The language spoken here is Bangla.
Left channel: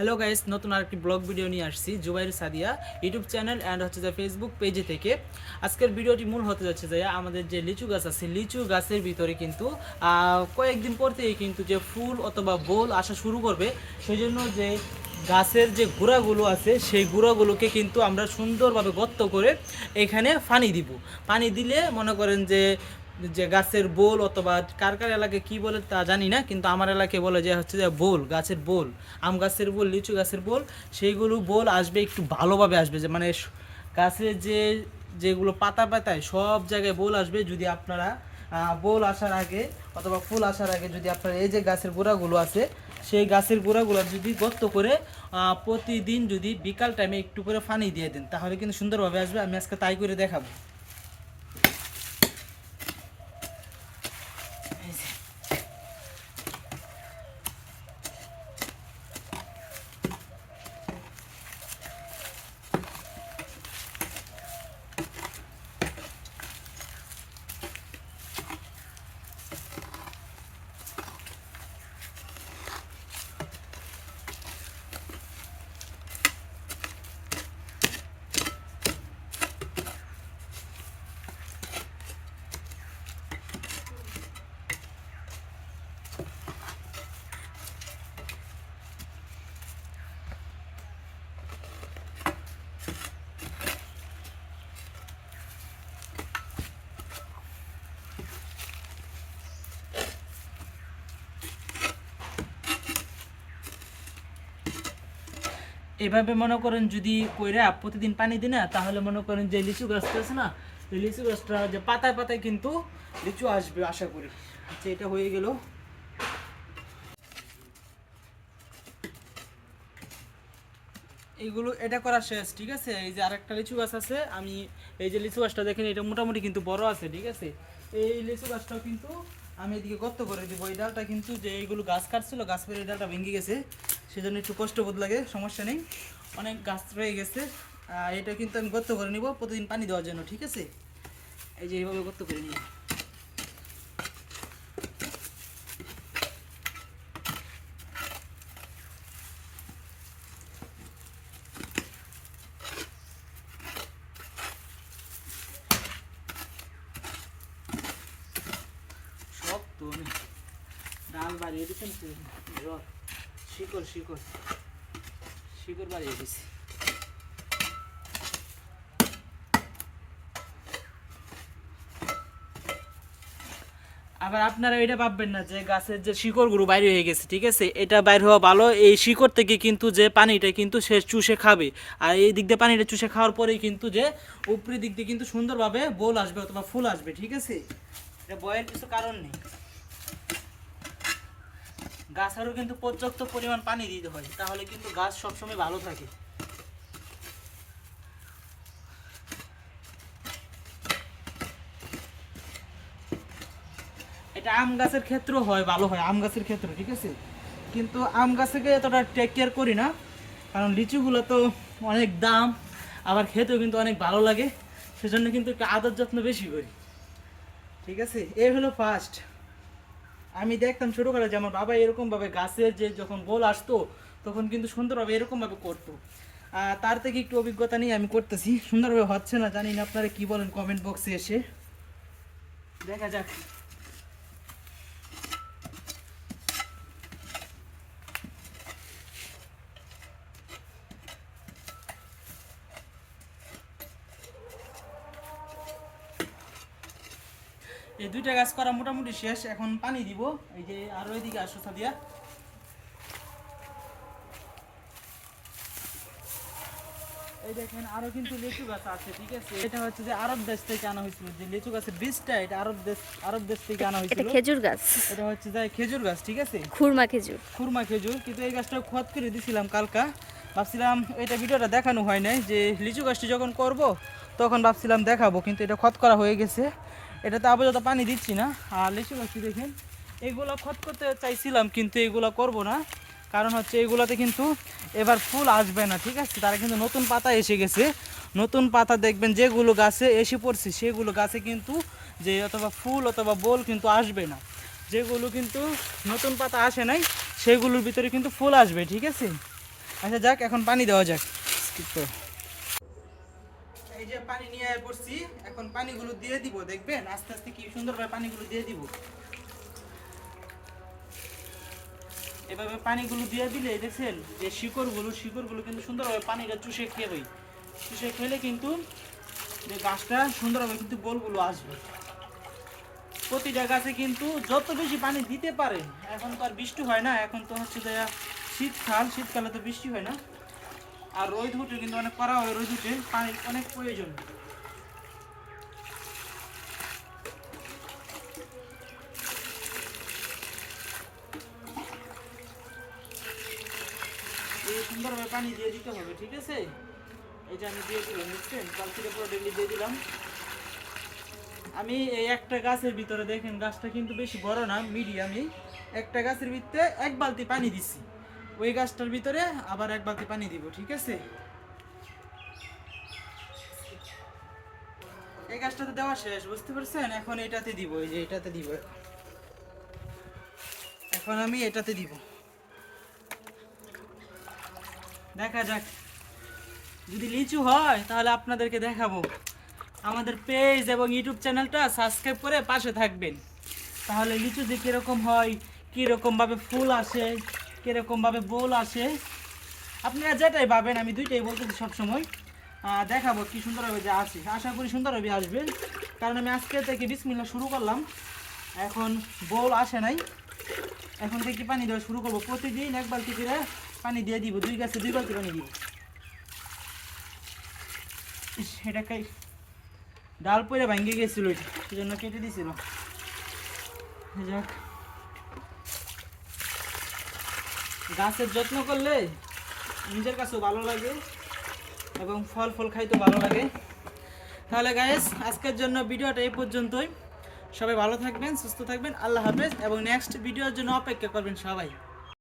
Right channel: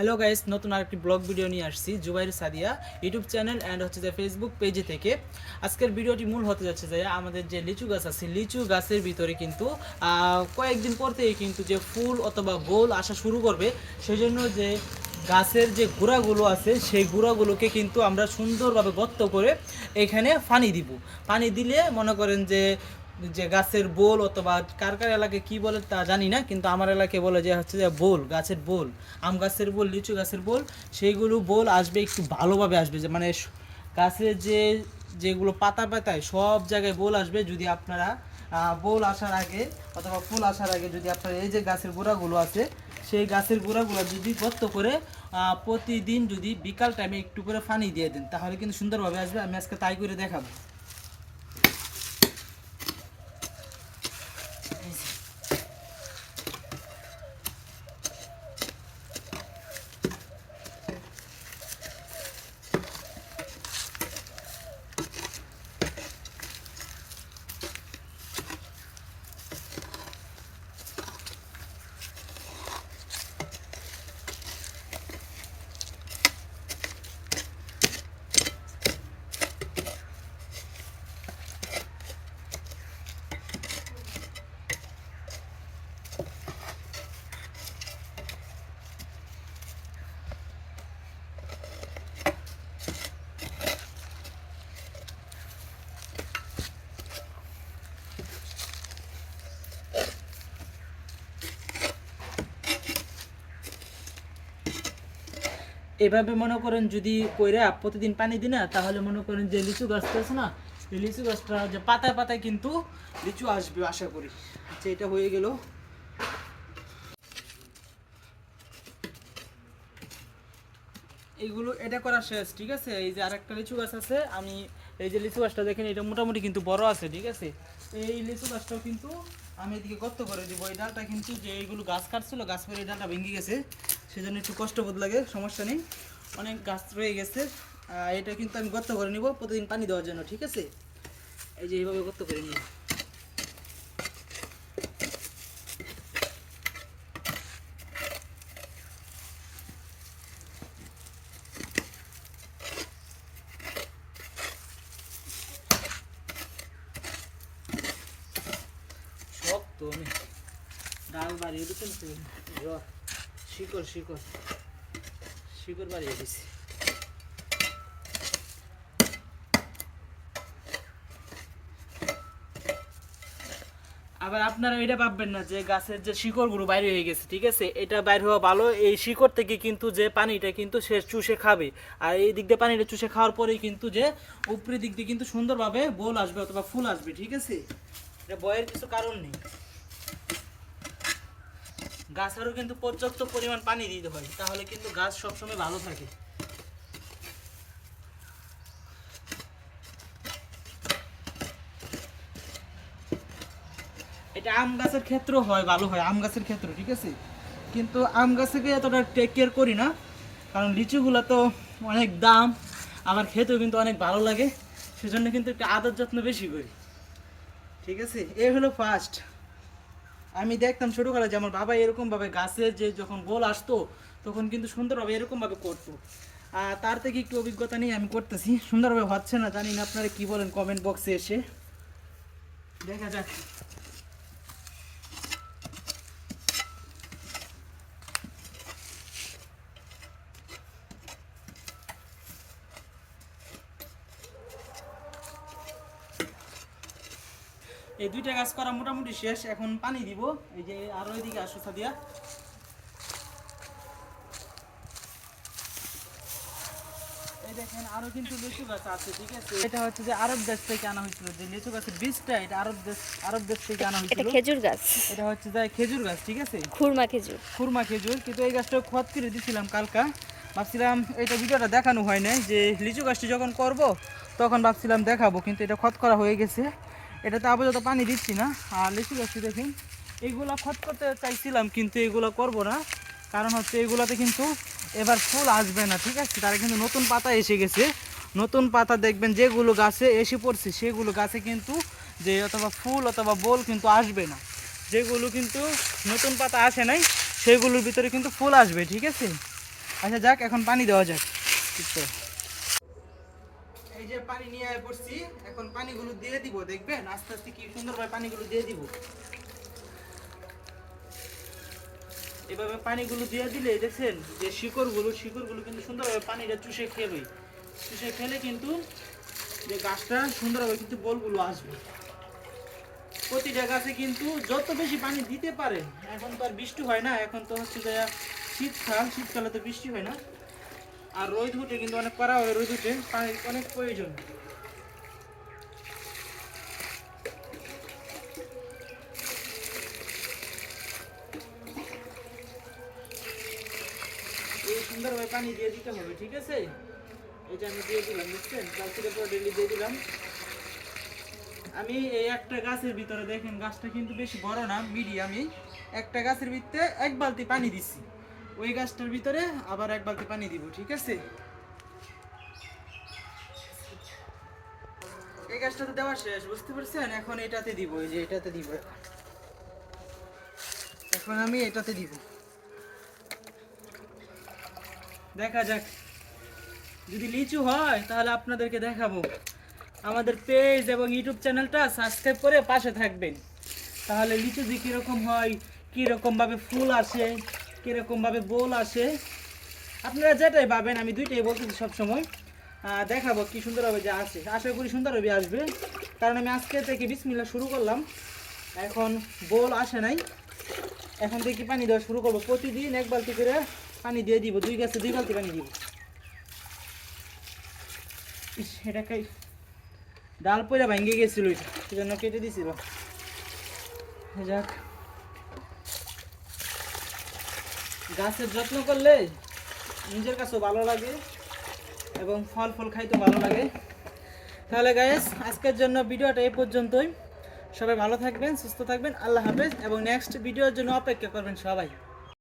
হ্যালো গাইস, নতুন আরেকটি ব্লগ ভিডিও নিয়ে আসছি Zubair Sadia YouTube channel and হচ্ছে যে ফেসবুক পেজে থেকে। আজকের ভিডিওটি মূল হতে যাচ্ছে যে আমাদের যে লিচু গাছ আছে, লিচু গাছের ভিতরে কিন্তু কয়েকদিন পর থেকেই কিন্তু যে ফুল অথবা বোল আসা শুরু করবে। সেই জন্য যে গাছের যে গুঁড়াগুলো আছে সেই গুঁড়াগুলোকে কিন্তু আমরা সুন্দরভাবে গর্ত করে এখানে পানি দিব। পানি দিলে মনে করেন যে যে গাছের বোল অথবা কার কার এলাকায় কী বলে তা জানি না, কিন্তু আমার এলাকায় বলে যে হচ্ছে যে বোল, গাছের বোল, আম গাছের বোল, লিচু গাছের বোল, সেইগুলো বোল আসবে একটু ভালোভাবে আসবে, যে মানে গাছের যেগুলো পাতা পাতায় সব জায়গায় বোল আসবে। যদি আপনারা বোল আসার আগে অথবা ফুল আসার আগে যদি আপনারা এই যে গাছের গোড়াগুলো আছে সেই গাছের গোড়াগুলো যদি গর্ত করে প্রতিদিন যদি বিকাল টাইমে একটু করে পানি দিয়ে দেন তাহলে কিন্তু সুন্দরভাবে আসবে। আমি আজকে তাই করে দেখাবো। এভাবে মনে করেন যদি কইরা প্রতিদিন পানি দিই না তাহলে মনে করেন যে লিচু গাছটা আছে না, এই লিচু গাছটা যে পাতায় পাতায় কিন্তু লিচু আসবে আশা করি। আচ্ছা, এটা হয়ে গেল। এইগুলো এটা করা শেষ, ঠিক আছে। এই যে আরেকটা লিচু গাছ আছে, আমি এই যে লিচু গাছটা দেখেন এটা মোটামুটি কিন্তু বড় আছে, ঠিক আছে। এই লিচু গাছটাও কিন্তু আমি এদিকে গর্ত করে দেবো। এই ডালটা কিন্তু যে এইগুলো গাছ কাটছিল, গাছ করে এই ডালটা ভেঙে গেছে, সেজন্য একটু কষ্ট বোধ লাগে, সমস্যা নেই, অনেক গাছ রয়ে গেছে। এটা কিন্তু আমি গর্ত করে নিব প্রতিদিন পানি দেওয়ার জন্য, ঠিক আছে। এই যে এইভাবে গর্ত করে নিব। শক্ত অনেক, ডাল বাড়িয়ে দিচ্ছেন তো, শিকড় শিকড় শিকড় বাড়িয়ে দিচ্ছি। আবার আপনারা এটা ভাববেন না যে গাছের যে শিকড়গুলো বাইরে হয়ে গেছে, ঠিক আছে, এটা বাইর হওয়া ভালো। এই শিকড় থেকে কিন্তু যে পানিটা কিন্তু সে চুষে খাবে, আর এই দিক দিয়ে পানিটা চুষে খাওয়ার পরেই কিন্তু যে উপরের দিক দিয়ে কিন্তু সুন্দরভাবে বোল আসবে অথবা ফুল আসবে, ঠিক আছে। এটা ভয়ের কিছু কারণ নেই। গাছেরও কিন্তু পর্যাপ্ত পরিমাণ পানি দিতে হয়, তাহলে কিন্তু গাছ সবসময় ভালো থাকে। এটা আম গাছের ক্ষেত্রেও হয়, ভালো হয় আম গাছের ক্ষেত্রে, ঠিক আছে। কিন্তু আম গাছকে এতটা টেক কেয়ার করি না, কারণ লিচুগুলো তো অনেক দাম, আবার খেতেও কিন্তু অনেক ভালো লাগে, সেজন্য কিন্তু একটু আদর যত্ন বেশি করি, ঠিক আছে। এই হলো ফার্স্ট। আমি দেখতাম ছোটোবেলা যে আমার বাবা এরকমভাবে গাছের যে যখন গোল আসতো তখন কিন্তু সুন্দরভাবে এরকমভাবে করতো। তার থেকে একটু অভিজ্ঞতা নিয়ে আমি করতেছি, সুন্দরভাবে হচ্ছে না জানি না, আপনারা কী বলেন কমেন্ট বক্সে এসে দেখা যাক। এই দুইটা গাছ করা মোটামুটি শেষ, এখন পানি দিব। এই যে আরো এদিকে আসো সাদিয়া, এই দেখেন আরো কিন্তু লিচু গাছ আছে, ঠিক আছে। এটা হচ্ছে যে আরব দেশ থেকে আনা হয়েছিল, যে লিচু গাছের বীজটা এটা আরব দেশ থেকে আনা হয়েছিল। এটা খেজুর গাছ, এটা হচ্ছে যে খেজুর গাছ, ঠিক আছে, খুরমা খেজুর। খুরমা খেজুর। কিন্তু এই গাছটা খত করে দিয়েছিলাম কালকা, ভাবছিলাম এটা ভিডিওটা দেখানো হয় নাই, যে লিচু গাছটি যখন করব তখন ভাবছিলাম দেখাবো, কিন্তু এটা খত করা হয়ে গেছে। এটাতে আপাতত পানি দিচ্ছি না। আর লিচু গাছটি দেখুন, এইগুলো খত করতে চাইছিলাম কিন্তু এগুলো করব না, কারণ হচ্ছে এগুলোতে কিন্তু এবার ফুল আসবে না, ঠিক আছে। তারা কিন্তু নতুন পাতা এসে গেছে, নতুন পাতা দেখবেন যেগুলো গাছে এসে পড়ছে সেগুলো গাছে কিন্তু যে অথবা ফুল অথবা বোল কিন্তু আসবে না। যেগুলো কিন্তু নতুন পাতা আসে নাই সেগুলোর ভিতরে কিন্তু ফুল আসবে, ঠিক আছে। আচ্ছা যাক, এখন পানি দেওয়া যাক। এই যে পানি নিয়ে পড়ছি, এখন পানিগুলো দিয়ে দিব। দেখবেন আস্তে আস্তে কি সুন্দরভাবে পানিগুলো দিয়ে দিব। এভাবে পানিগুলো দিয়ে দিলে দেখছেন যে শিকড়গুলো কিন্তু সুন্দরভাবে পানিটা চুষে খেবে। চুষে খেলে কিন্তু যে গাছটা সুন্দরভাবে কিন্তু গোলগুলো আসবে। প্রতিটা গাছে কিন্তু যত বেশি পানি দিতে পারেন, এখন তো আর বৃষ্টি হয় না, এখন তো হচ্ছে যে শীতকালে তো বৃষ্টি হয় না, আর রোদ উঠে কিন্তু অনেক করা হয়, রোদ উঠে পানির অনেক প্রয়োজন। এই সুন্দরভাবে পানি দিয়ে দিতে হবে, ঠিক আছে? এটা আমি দিয়ে দিলাম, বুঝছেন? কাল থেকে পুরো ডেলি দিয়ে দিলাম। আমি এই একটা গাছের ভিতরে দেখেন, গাছটা কিন্তু বেশি বড় না, মিডিয়ামই। একটা গাছের ভিতরে 1 বালতি পানি দিচ্ছি, ওই গাছটার ভিতরে আবার 1 বালতি পানি দিব, ঠিক আছে? এই গাছটাতে দেওয়া শেষ, বুঝতে পারছেন? এখন এটাতে দিব, এই যে এটাতে দিব। এখন আমি এটাতে দিব, দেখা যাক যদি লিচু হয় তাহলে আপনাদেরকে দেখাবো। আমাদের পেজ এবং ইউটিউব চ্যানেলটা সাবস্ক্রাইব করে পাশে থাকবেন, তাহলে লিচু যে কীরকম হয়, কীরকমভাবে ফুল আসে, কীরকমভাবে বোল আসে, আপনারা যেটাই পাবেন, আমি দুইটাই বলতেছি সবসময়, দেখাবো কি সুন্দরভাবে যা আসে। আশা করি সুন্দরভাবে আসবে, কারণ আমি আজকে থেকে বিসমিল্লাহ শুরু করলাম, এখন বোল আসে নাই, এখন থেকে পানি দেওয়া শুরু করবো। প্রতিদিন 1 বালতি করে পানি দিয়ে দিব, 2 গাছে 2 বালতি পানি দিব। এটাকে ডাল পয়লা ভেঙে গেছিল, সেজন্য কেটে দিছিল। যাক, গাছের যত্ন করলে নিজের কাছেও ভালো লাগে এবং ফল খাইতে ভালো লাগে। তাহলে গাইস, আজকের জন্য ভিডিওটা এই পর্যন্তই। সবাই ভালো থাকবেন, সুস্থ থাকবেন, আল্লাহ হাফেজ, এবং নেক্সট ভিডিওর জন্য অপেক্ষা করবেন সবাই।